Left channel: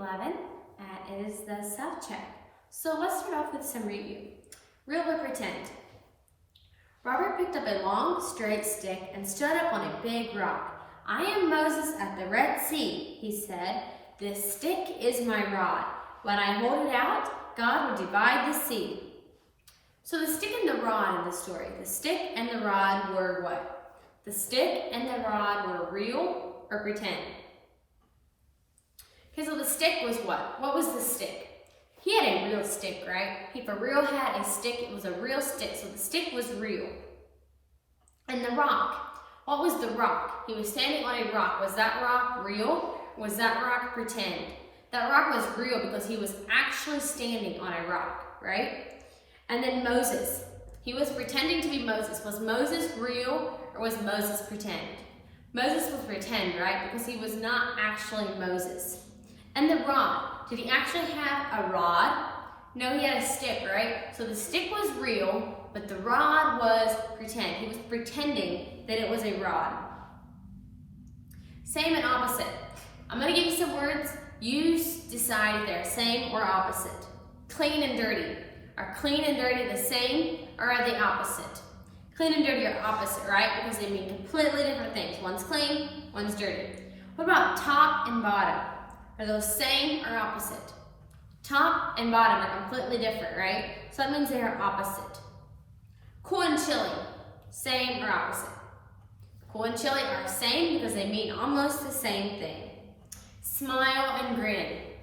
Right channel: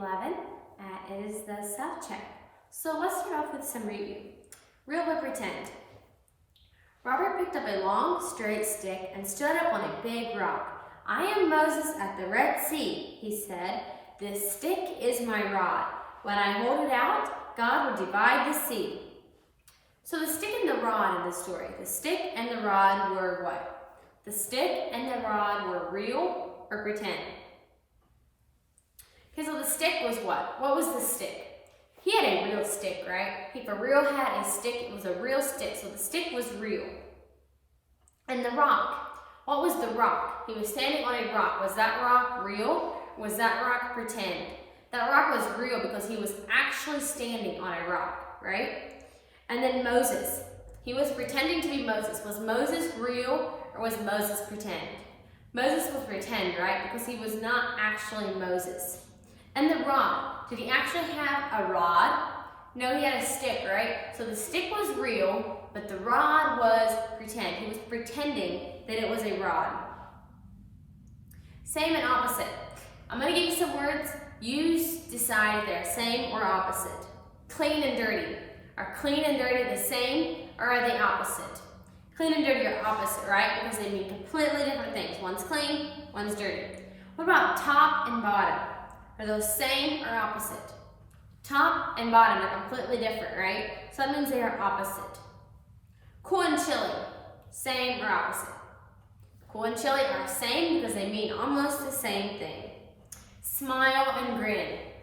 11. It is the self-check. So let's start off with some review. Real or pretend? Robert picked up a long, straight stick and stood up on a big rock. "I am Moses at the Red Sea," he said. "This stick is my rod. When I hold it out, God will divide the sea." So the stick and the rod in the story, the stick and the rod were what? The stick and the rod were real or pretend? Okay, so the stick was what? What was the stick? He had a real stick, right? He for real had a stick. It was a real stick, so the stick was real. And the rock, what was the rock? He was standing on a rock. Was that rock real? Was that rock pretend? That rock was real because he was actually standing on a rock, right? And then Moses, he was pretending to be Moses. Was Moses real or was Moses pretend? Moses was pretend, right? Because he was not actually Moses. And the rod, did he actually have a rod? No, he had a stick, right? So the stick was real, but the rod was pretend. He was pretending that it was a rod. Same and opposite. I'm going to give you some words. You decide if they're same or opposite. Clean and dirty. Are clean and dirty the same or are they opposite? Clean and dirty are opposite, right? Because they mean completely different things. One's clean, one's dirty. What about top and bottom? Are those same or opposite? Top and bottom are completely different, right? So that means they are opposite. Cool and chilly, same or opposite? Cool and chilly are same because they mean almost the same thing. Smile and grin.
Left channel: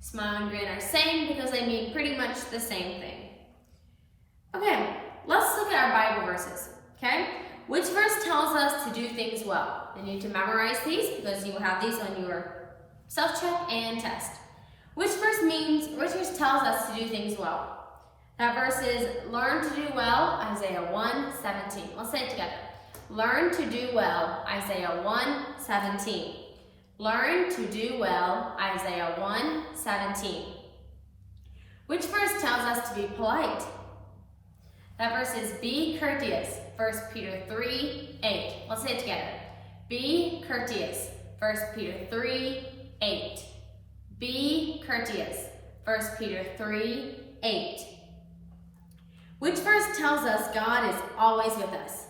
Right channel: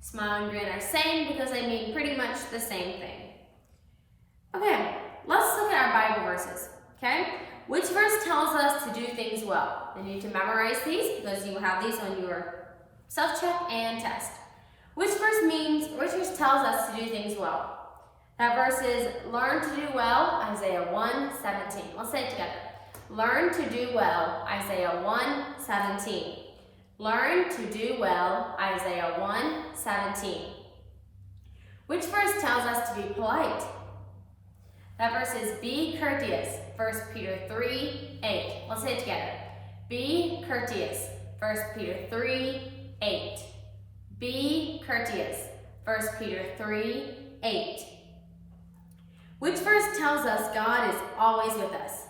Smile and grin are same because they mean pretty much the same thing. Okay, let's look at our Bible verses, okay? Which verse tells us to do things well? You need to memorize these because you will have these on your self-check and test. Which verse tells us to do things well? That verse is learn to do well, Isaiah 1:17. Let's say it together. Learn to do well, Isaiah 1:17. Learn to do well, Isaiah 1:17. Which verse tells us to be polite? That verse is be courteous, 1 Peter 3:8. Let's say it together. Be courteous, 1 Peter 3:8. Be courteous, 1 Peter 3:8. Which verse tells us God is always with us?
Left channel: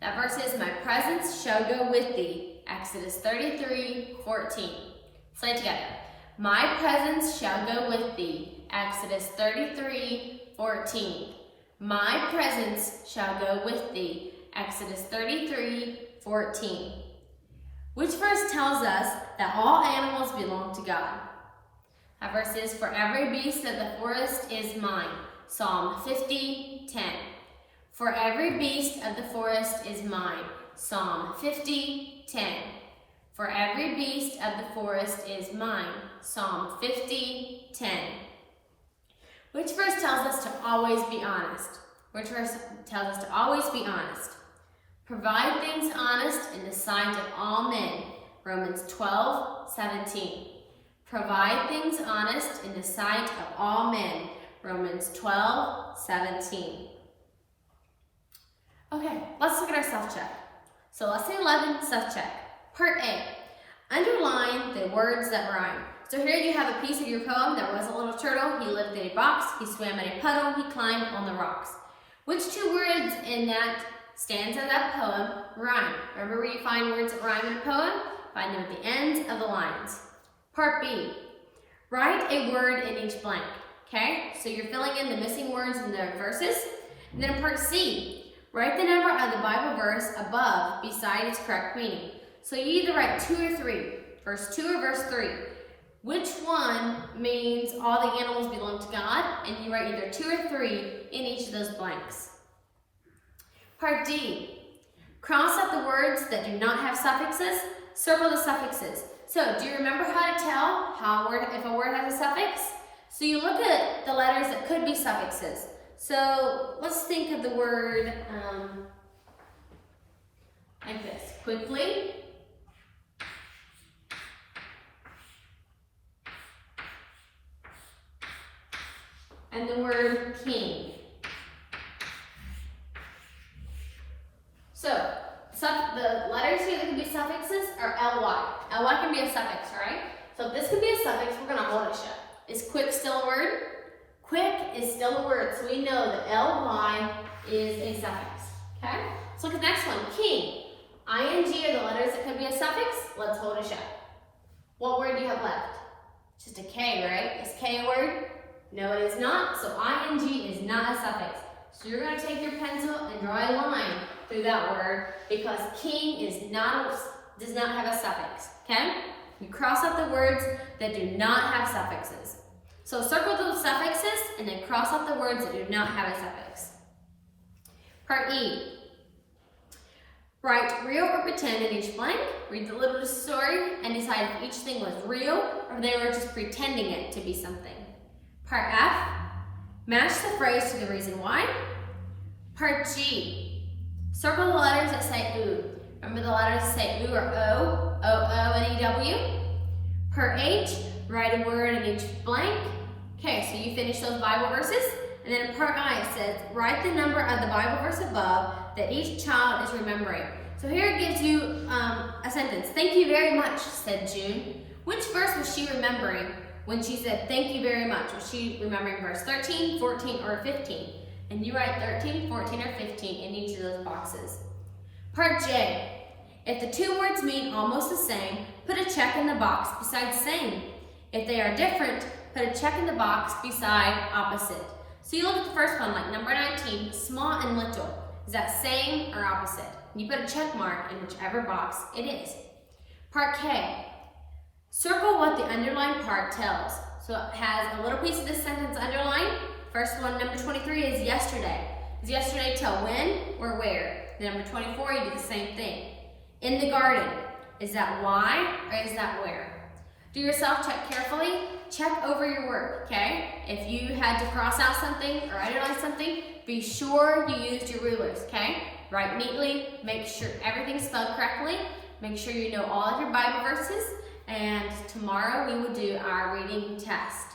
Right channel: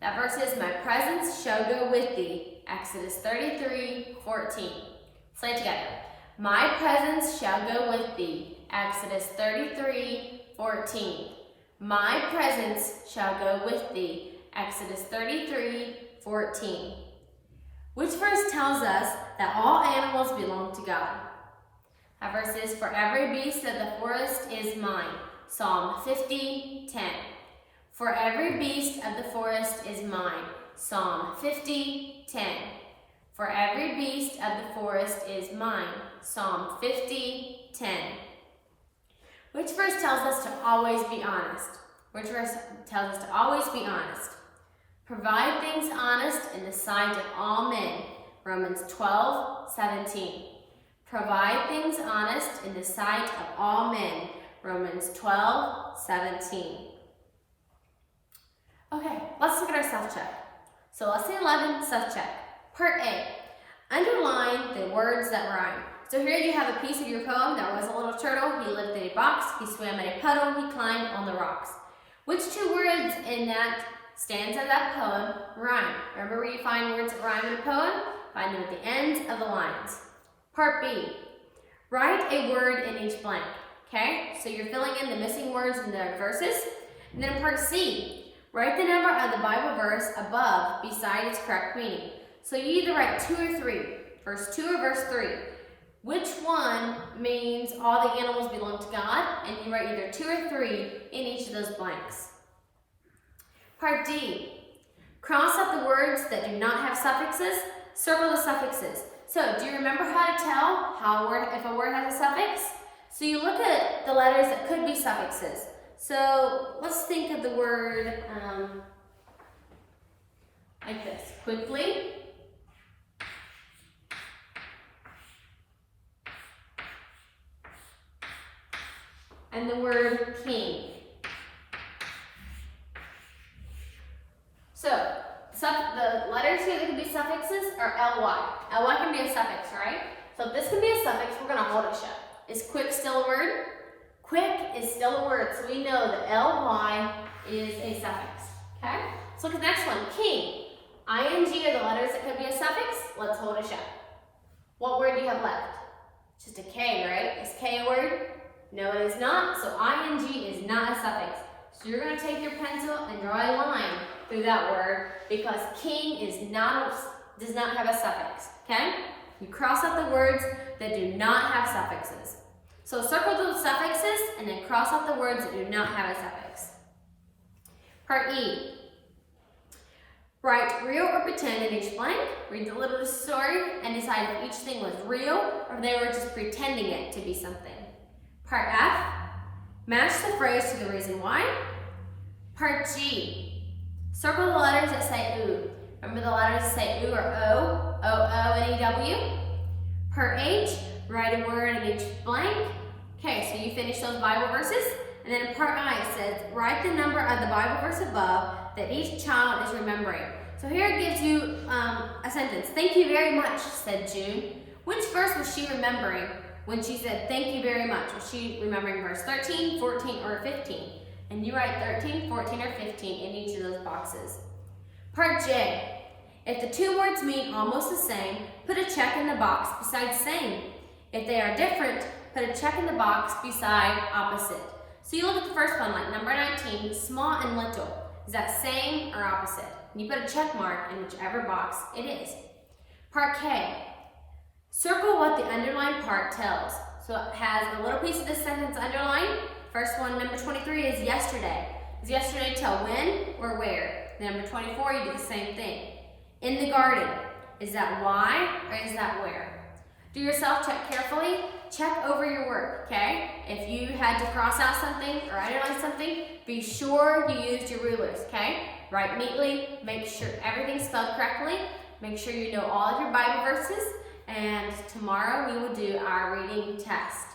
That verse is my presence shall go with thee, Exodus 33:14. Say it together. My presence shall go with thee, Exodus 33:14. My presence shall go with thee, Exodus 33:14. Which verse tells us that all animals belong to God? That verse is, for every beast of the forest is mine, Psalm 50:10. For every beast of the forest is mine, Psalm 50:10. For every beast of the forest is mine, Psalm 50:10. Which verse tells us to always be honest? Which verse tells us to always be honest? Provide things honest in the sight of all men, Romans 12:17. Provide things honest in the sight of all men, Romans 12:17. Okay, let's look at our self-check. So lesson 11, self-check. Part A, underline the words that rhyme. So here you have a piece of your poem. There was a little turtle. He lived in a box. He swam in a puddle. He climbed on the rocks. Which two words in that stanza of that poem rhyme? Remember where you find words that rhyme in a poem? Find them at the ends of the lines. Part B, write a word in each blank. Okay, so you're filling in the missing words in the verses. And then in part C, write the number of the Bible verse above beside its correct meaning. So you either write 2 or 3, verse 2 or verse 3. Which one means all the animals belong to God? And you write either 2 or 3 in each of those blanks. Part D, cross out the words that do not have suffixes, circle the suffixes. So do you remember how to tell if a word has a suffix? So you look at the letters that could be suffixes. So let's think of the word like this, quickly. And the word king. So the letters here that can be suffixes are ly. Ly can be a suffix, right? So if this can be a suffix, we're gonna hold it shut. Is quick still a word? Quick is still a word, so we know that ly is a suffix, okay? Let's look at the next one, king. ing are the letters that could be a suffix. Let's hold it shut. What word do you have left? Just a K, right? Is K a word? No, it is not. So ing is not a suffix. So you're going to take your pencil and draw a line through that word because king does not have a suffix, okay? You cross out the words that do not have suffixes. So circle those suffixes and then cross out the words that do not have a suffix. Part E. Write real or pretend in each blank. Read the little story and decide if each thing was real or they were just pretending it to be something. Part F. Match the phrase to the reason why. Part G. Circle the letters that say oo. Remember the letters that say oo or O, O, and E-W? Part H. Write a word in each blank. Okay, so you finish those Bible verses. And then in part I, it says, write the number of the Bible verse above that each child is remembering. So here it gives you a sentence. Thank you very much, said June. Which verse was she remembering when she said thank you very much? Was she remembering verse 13, 14, or 15? And you write 13, 14, or 15 in each of those boxes. Part J. If the two words mean almost the same, put a check in the box beside same. If they are different, put a check in the box beside opposite. So you look at the first one, like number 19, small and little. Is that same or opposite? And you put a check mark in whichever box it is. Part K. Circle what the underlined part tells. So it has a little piece of this sentence underlined. First one, number 23, is yesterday. Does yesterday tell when or where? The number 24, you do the same thing. In the garden. Is that why or is that where? Do your self-check carefully. Check over your work, okay? If you had to cross out something or underline something, be sure you used your rulers, okay? Write neatly, make sure everything's spelled correctly, make sure you know all of your Bible verses, and tomorrow we will do our reading test.